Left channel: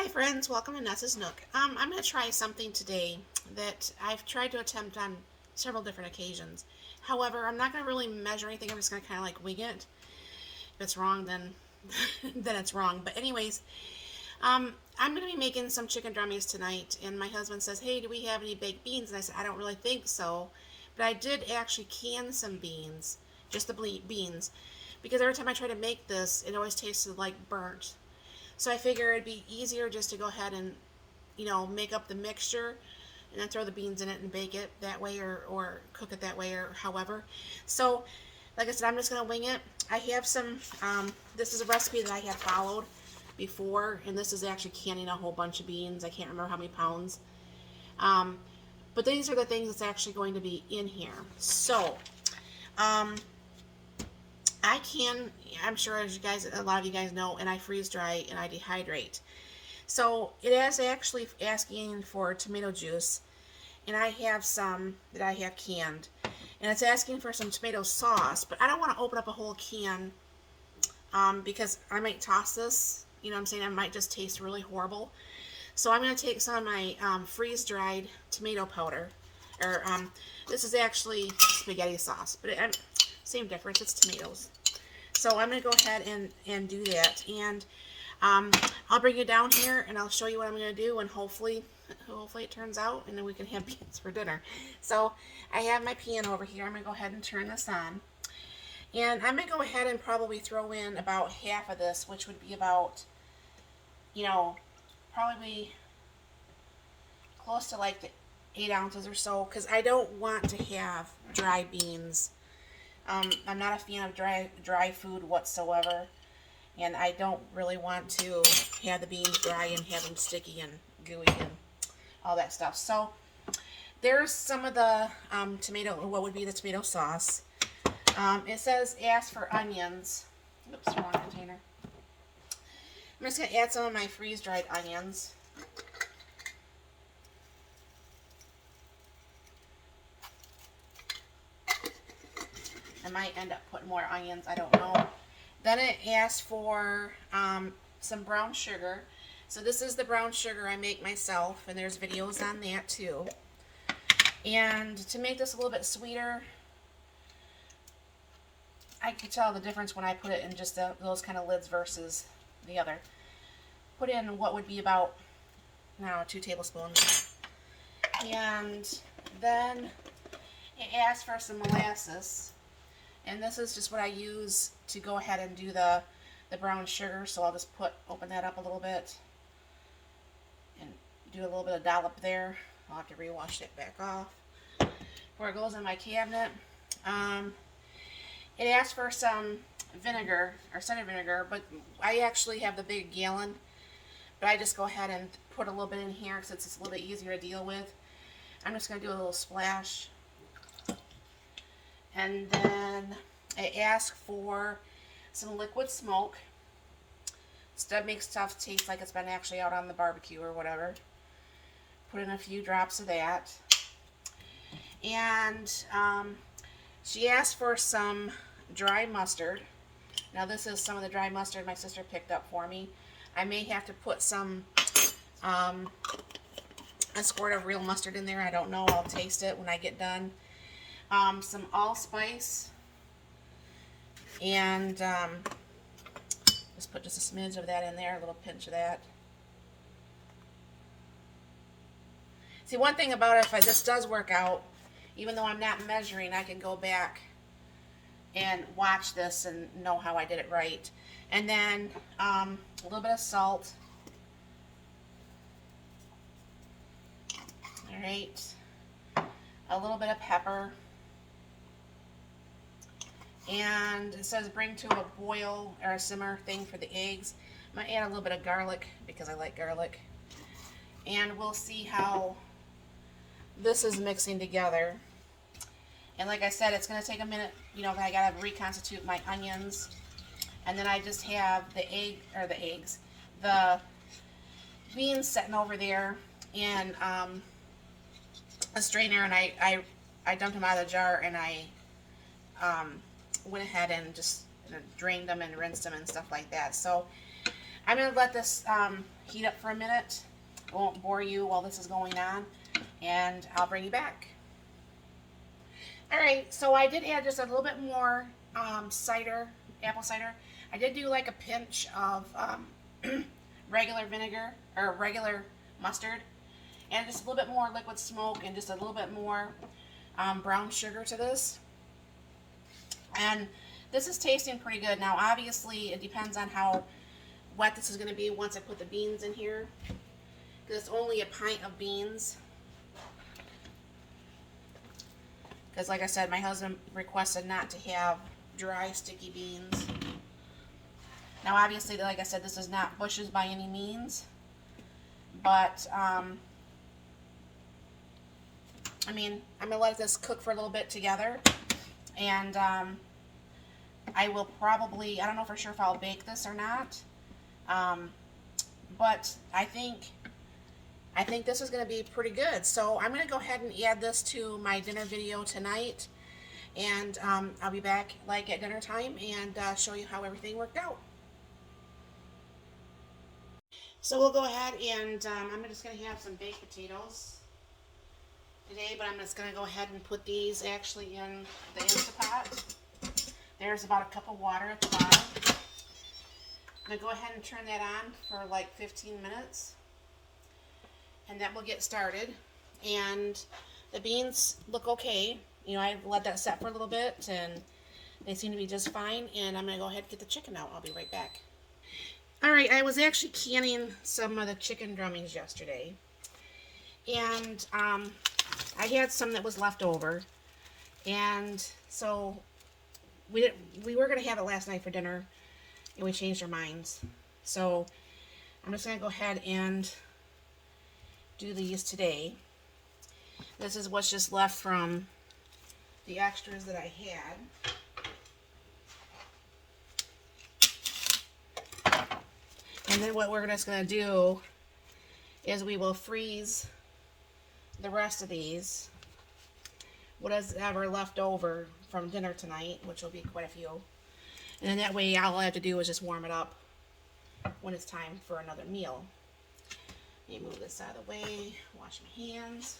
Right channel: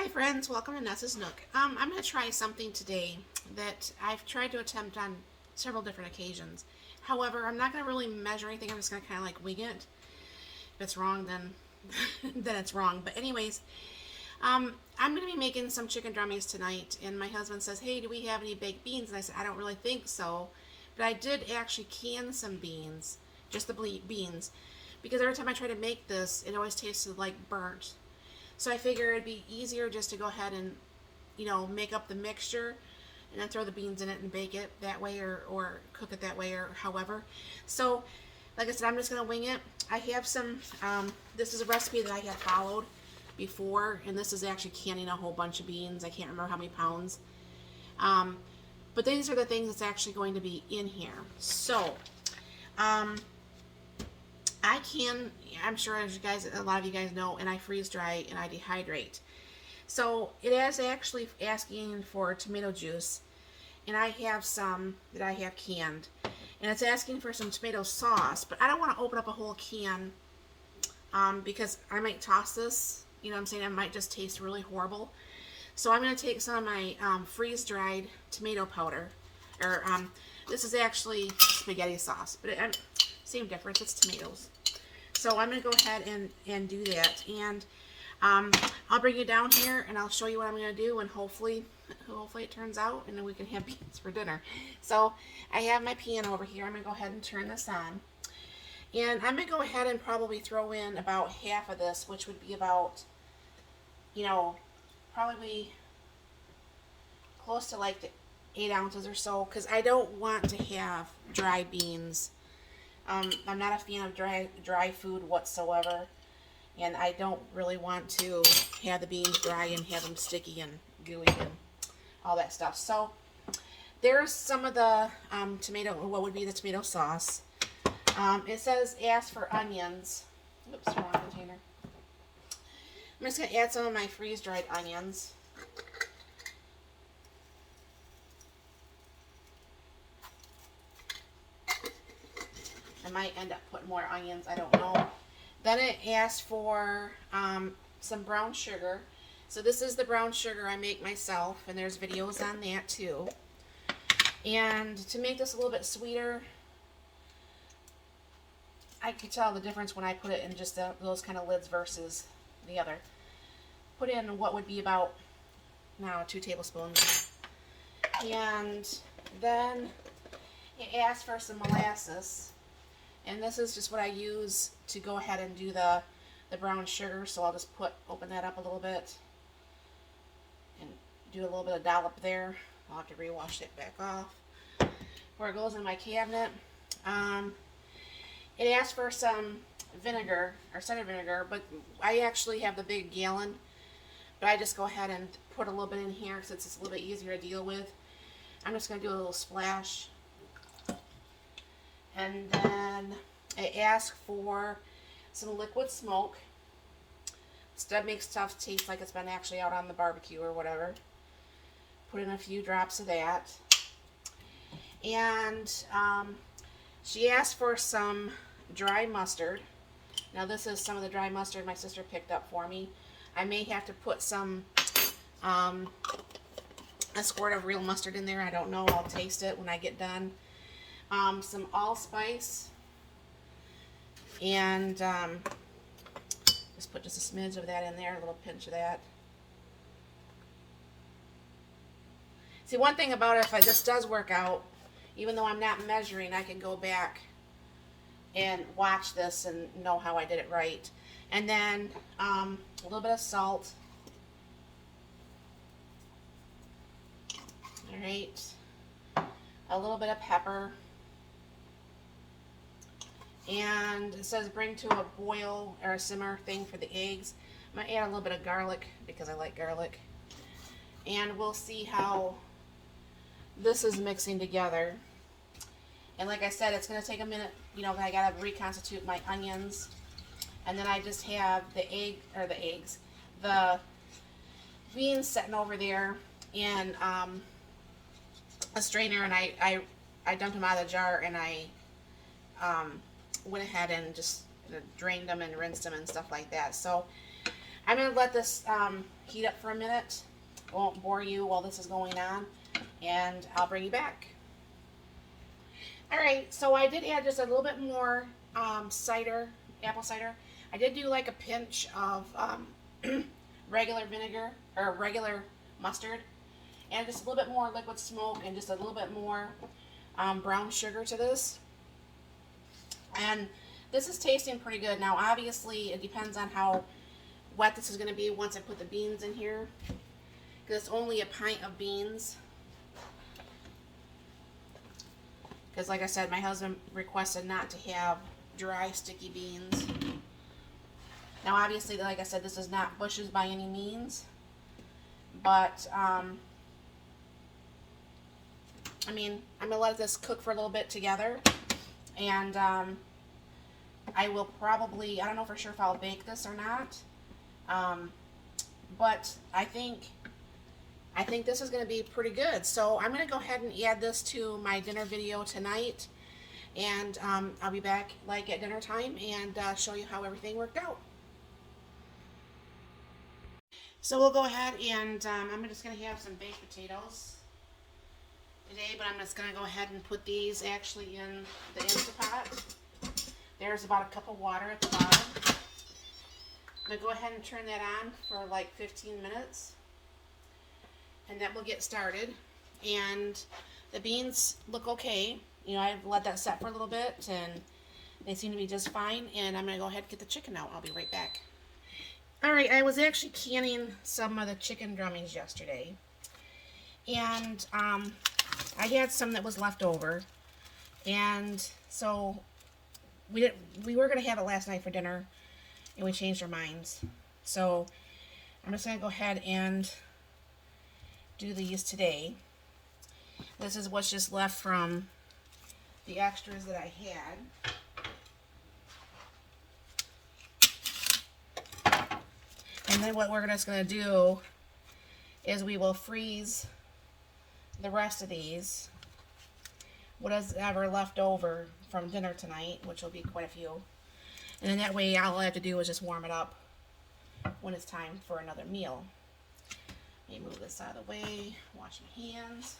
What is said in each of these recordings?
Hi friends, welcome to Nessa's Nook. I'm going to try something today that I've tried to attempt on several different occasions. However, I'm not going to really measure anything. I'm just going to kind of like wing it. If it's wrong, then then it's wrong. But anyways, I'm going to be making some chicken drummies tonight. And my husband says, "Hey, do we have any baked beans?" And I said, "I don't really think so." But I did actually can some beans, just the beans, because every time I try to make this, it always tasted like burnt. So I figure it'd be easier just to go ahead and, make up the mixture and then throw the beans in it and bake it that way or cook it that way or however. So, like I said, I'm just going to wing it. I have some, this is a recipe that I had followed before, and this is actually canning a whole bunch of beans. I can't remember how many pounds. Um, but these are the things that's actually going to be in here. So, I'm sure as you guys, a lot of you guys know, and I freeze dry and I dehydrate. So it is actually asking for tomato juice, and I have some that I have canned. And it's asking for some tomato sauce, but I don't want to open up a whole can because I might toss this. You know what I'm saying? It might just taste really horrible. So I'm going to take some of my freeze-dried tomato powder, or this is actually spaghetti sauce, but same difference, it's tomatoes. So I'm going to go ahead and do that, and I'll bring you down here and I'll show you what I'm going to do, and hopefully it turns out and then we can have beans for dinner. So I have my pan over here. I'm going to go ahead and turn this on, and I'm going to go ahead and probably throw in about half of this, which would be about, probably close to like the 8 ounces or so, because I don't want to have dry beans. I'm not a fan of dry food whatsoever, and I don't really want to have the beans dry and have them sticky and gooey and all that stuff. So there's some of the what would be the tomato sauce. It says ask for onions. Oops, wrong container. I'm just going to add some of my freeze-dried onions. I might end up putting more onions, I don't know. Then it asks for some brown sugar. So this is the brown sugar I make myself, and there's videos on that too. And to make this a little bit sweeter, I can tell the difference when I put it in just those kind of lids versus the other. Put in what would be about, 2 tablespoons. And then it asks for some molasses. And this is just what I use to go ahead and do the brown sugar. So I'll just open that up a little bit and do a little bit of dollop there. I'll have to rewash that back off before it goes in my cabinet. It asks for some vinegar, or cider vinegar, but I actually have the big gallon. But I just go ahead and put a little bit in here since it's a little bit easier to deal with. I'm just going to do a little splash. And then I ask for some liquid smoke. That makes stuff taste like it's been actually out on the barbecue or whatever. Put in a few drops of that. And she asked for some dry mustard. Now this is some of the dry mustard my sister picked up for me. I may have to put some, a squirt of real mustard in there. I don't know. I'll taste it when I get done. Some allspice, and just put just a smidge of that in there, a little pinch of that. See, one thing about it, if this does work out, even though I'm not measuring, I can go back and watch this and know how I did it right. And then a little bit of salt. All right, a little bit of pepper. And it says bring to a boil or a simmer thing for the eggs. I'm going to add a little bit of garlic because I like garlic. And we'll see how this is mixing together. And like I said, it's going to take a minute. I got to reconstitute my onions. And then I just have the beans sitting over there in a strainer. And I dumped them out of the jar, and I went ahead and just drained them and rinsed them and stuff like that. So I'm going to let this heat up for a minute. I won't bore you while this is going on, and I'll bring you back. Alright, so I did add just a little bit more cider, apple cider. I did do like a pinch of regular vinegar, or regular mustard, and just a little bit more liquid smoke, and just a little bit more brown sugar to this. And this is tasting pretty good. Now obviously it depends on how wet this is going to be once I put the beans in here, because it's only a pint of beans. Because like I said, my husband requested not to have dry, sticky beans. Now obviously, like I said, this is not bushes by any means. But, I mean, I'm going to let this cook for a little bit together. And I will probably, I don't know for sure if I'll bake this or not. But I think this is going to be pretty good. So I'm going to go ahead and add this to my dinner video tonight. And I'll be back like at dinner time and show you how everything worked out. So we'll go ahead and I'm just going to have some baked potatoes today. But I'm just going to go ahead and put these actually in the Instapot. There's about a cup of water at the bottom. I'm going to go ahead and turn that on for like 15 minutes. And that will get started. And the beans look okay. You know, I've let that set for a little bit and they seem to be just fine. And I'm going to go ahead and get the chicken out. I'll be right back. Alright, I was actually canning some of the chicken drummies yesterday. And I had some that was left over. And so we were going to have it last night for dinner. And we changed our minds. So I'm just going to go ahead and do these today. This is what's just left from the extras that I had. And then what we're just going to do is we will freeze the rest of these, what is ever left over from dinner tonight, which will be quite a few. And then that way all I have to do is just warm it up when it's time for another meal. Let me move this out of the way, wash my hands.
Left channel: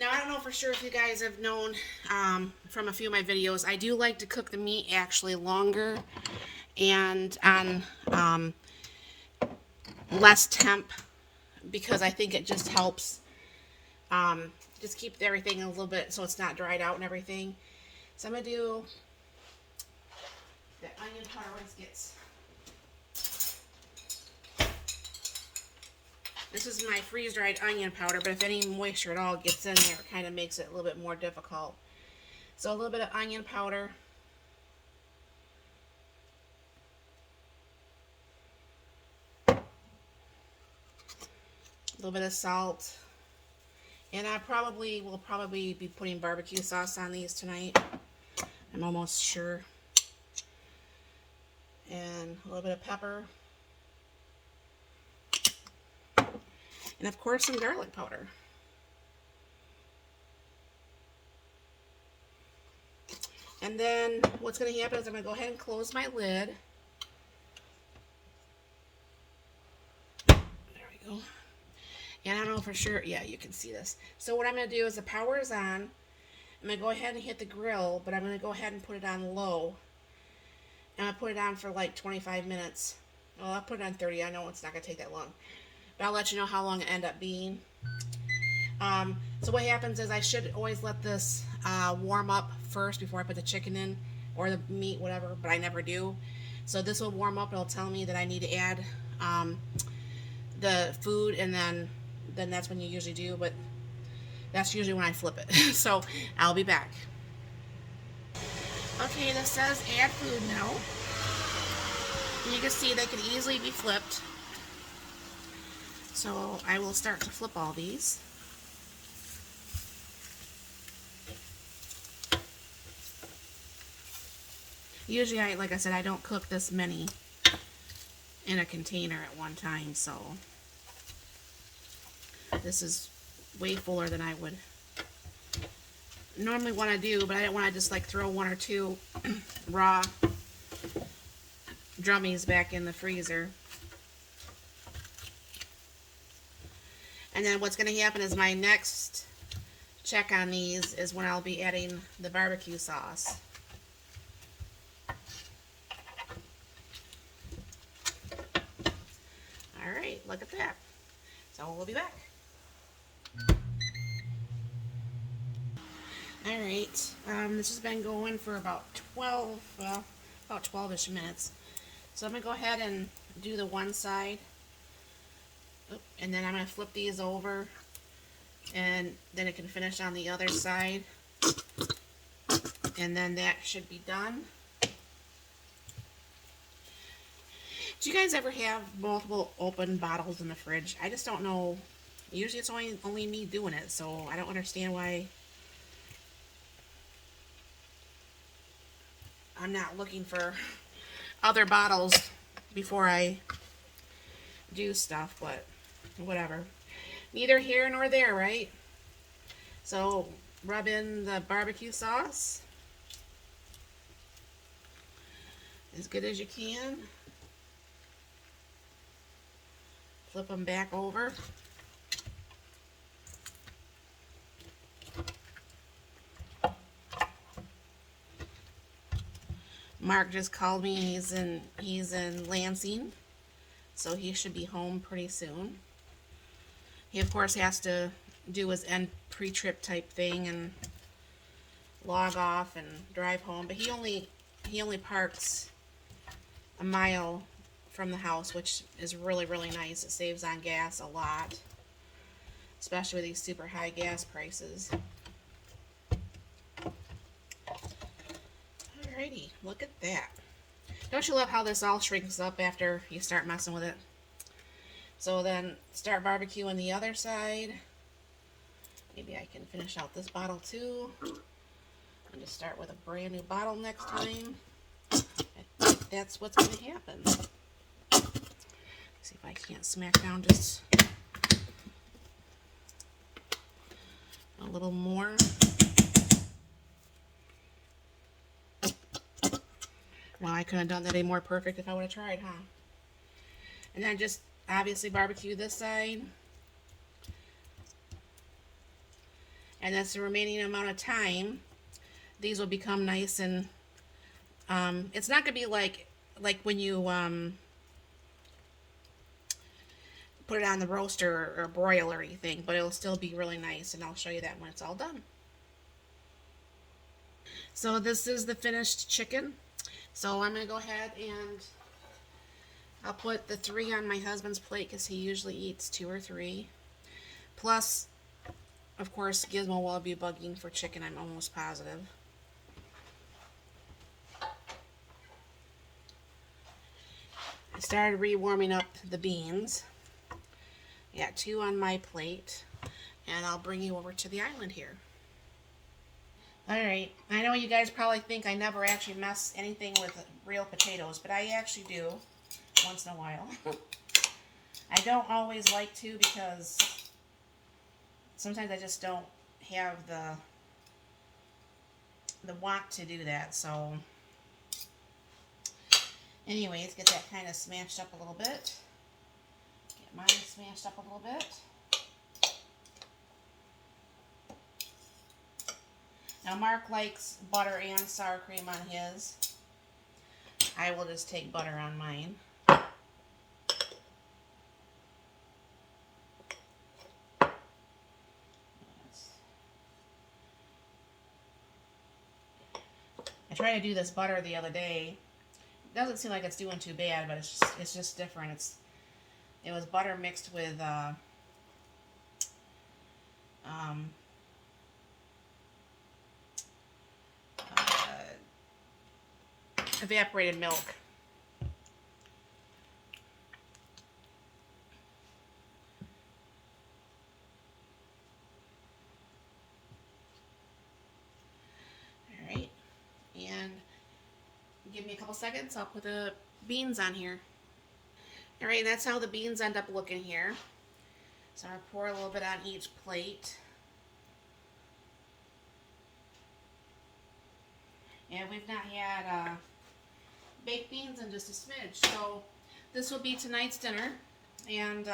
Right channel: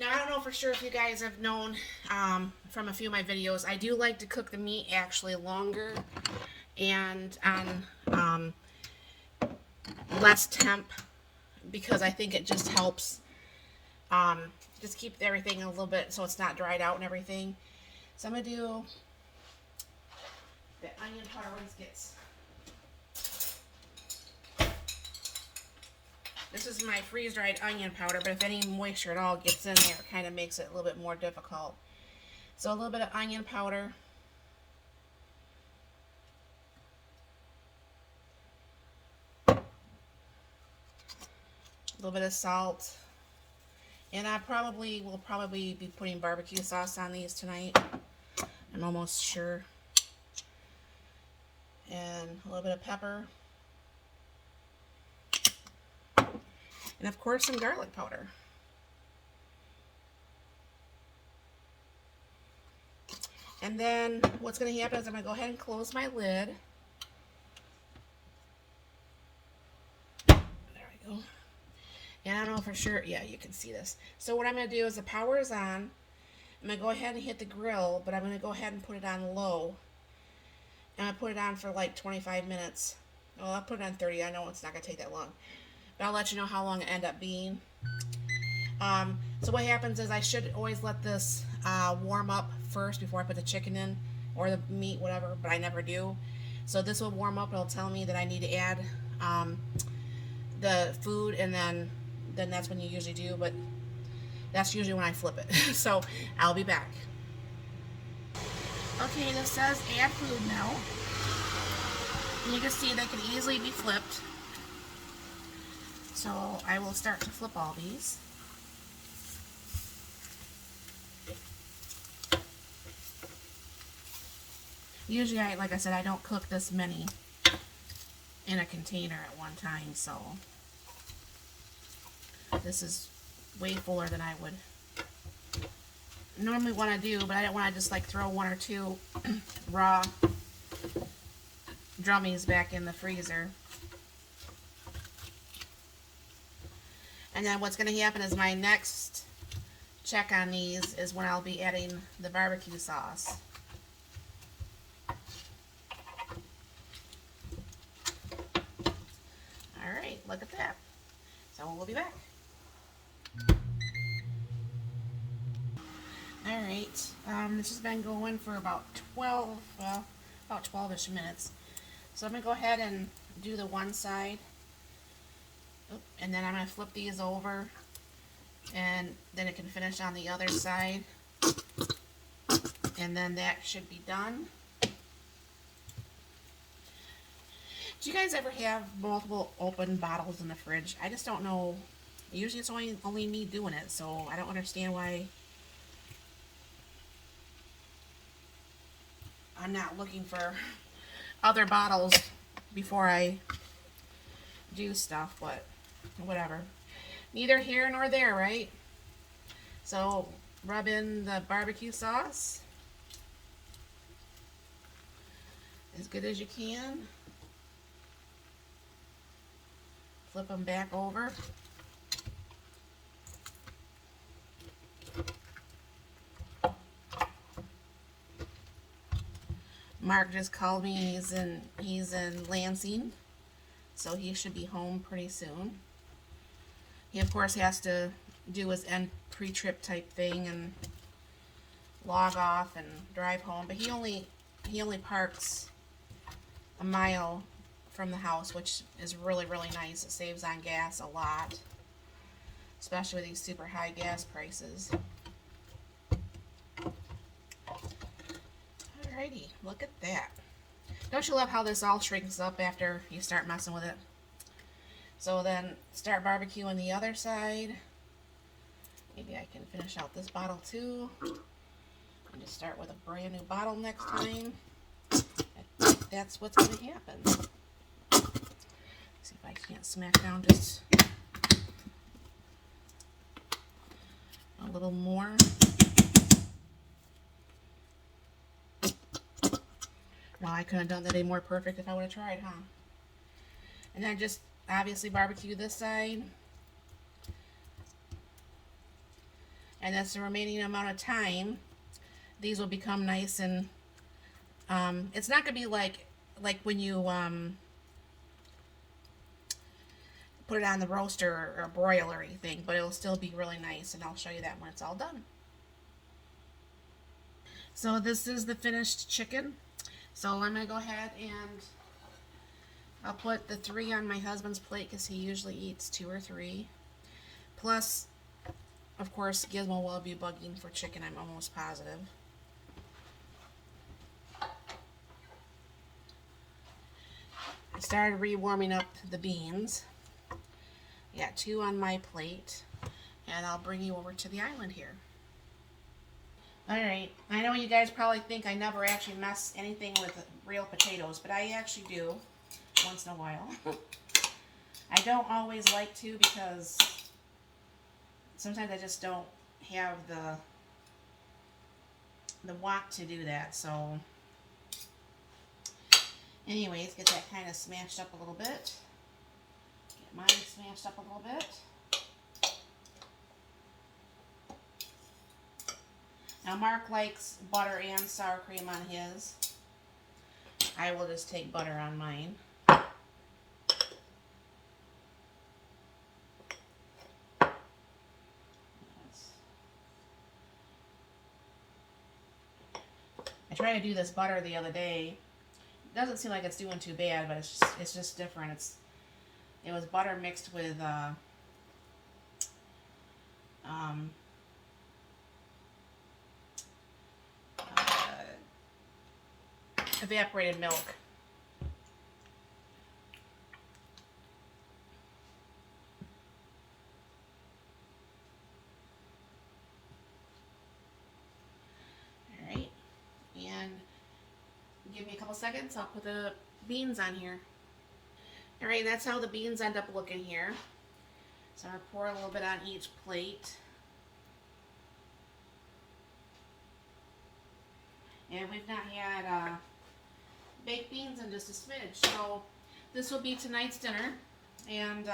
Now, I don't know for sure if you guys have known from a few of my videos, I do like to cook the meat actually longer and on less temp, because I think it just helps just keep everything a little bit so it's not dried out and everything. So I'm going to do the onion powder once gets... This is my freeze-dried onion powder, but if any moisture at all gets in there, it kind of makes it a little bit more difficult. So a little bit of onion powder. A little bit of salt. And I will probably be putting barbecue sauce on these tonight. I'm almost sure. And a little bit of pepper. And of course some garlic powder. And then what's going to happen is I'm going to go ahead and close my lid. There we go. And I don't know for sure, yeah, you can see this. So what I'm going to do is the power is on. I'm going to go ahead and hit the grill, but I'm going to go ahead and put it on low. And I put it on for like 25 minutes. Well, I'll put it on 30. I know it's not going to take that long. But I'll let you know how long it ends up being. So what happens is I should always let this warm up first before I put the chicken in, or the meat, whatever, but I never do. So this will warm up, it'll tell me that I need to add the food, and then that's when you usually do, but that's usually when I flip it. So I'll be back. Okay, this says add food now. And you can see they could easily be flipped. So I will start to flip all these. Usually, like I said, I don't cook this many. in a container at one time, so this is way fuller than I would normally want to do, but I don't want to just like throw one or two raw drummies back in the freezer. And then what's going to happen is my next check on these is when I'll be adding the barbecue sauce. Alright, look at that. So we'll be back. Alright, this has been going for about 12-ish minutes. So I'm going to go ahead and do the one side. And then I'm going to flip these over, and then it can finish on the other side. And then that should be done. Do you guys ever have multiple open bottles in the fridge? I just don't know. Usually it's only me doing it, so I don't understand why I'm not looking for other bottles before I do stuff, but whatever. Neither here nor there, right? So rub in the barbecue sauce as good as you can. Flip them back over. Mark just called me, and he's in Lansing, so he should be home pretty soon. He of course has to do his end pre-trip type thing and log off and drive home, but he only parks a mile from the house, which is really nice. It saves on gas a lot, especially with these super high gas prices. Alrighty, look at that. Don't you love how this all shrinks up after you start messing with it? So then start barbecuing the other side. Maybe I can finish out this bottle too. And just start with a brand new bottle next time. I think that's what's going to happen. See if I can't smack down just a little more. Well, I couldn't have done that any more perfect if I would have tried, huh? And then just obviously barbecue this side. And that's the remaining amount of time. These will become nice and it's not going to be like when you put it on the roaster or broiler or anything, but it'll still be really nice, and I'll show you that when it's all done. So this is the finished chicken. So I'm going to go ahead and I'll put the 3 on my husband's plate because he usually eats 2 or 3. Plus, of course, Gizmo will be bugging for chicken, I'm almost positive. I started re-warming up the beans. I got 2 on my plate, and I'll bring you over to the island here. Alright, I know you guys probably think I never actually mess anything with real potatoes, but I actually do once in a while. I don't always like to because sometimes I just don't have the want to do that. So anyways, get that kind of smashed up a little bit. Get mine smashed up a little bit. Now Mark likes butter and sour cream on his. I will just take butter on mine. I tried to do this butter the other day. It doesn't seem like it's doing too bad, but it's just different. It was butter mixed with evaporated milk. Alright, and give me a couple seconds, I'll put the beans on here. All right, that's how the beans end up looking here. So I'm going to pour a little bit on each plate. And we've not had baked beans in just a smidge. So this will be tonight's dinner. And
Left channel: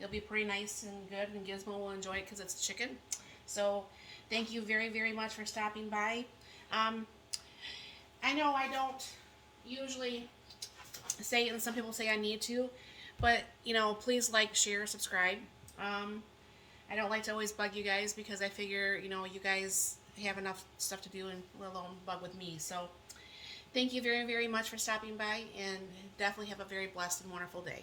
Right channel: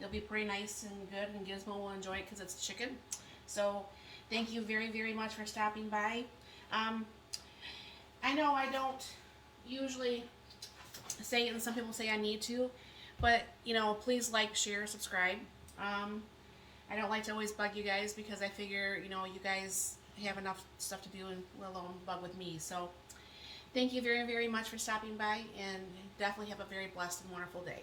it'll be pretty nice and good. And Gizmo will enjoy it because it's chicken. So thank you very, very much for stopping by. I know I don't usually say it, and some people say I need to. But, you know, please like, share, subscribe. I don't like to always bug you guys because I figure, you know, you guys have enough stuff to do and let alone bug with me. So thank you very, very much for stopping by, and definitely have a very blessed and wonderful day.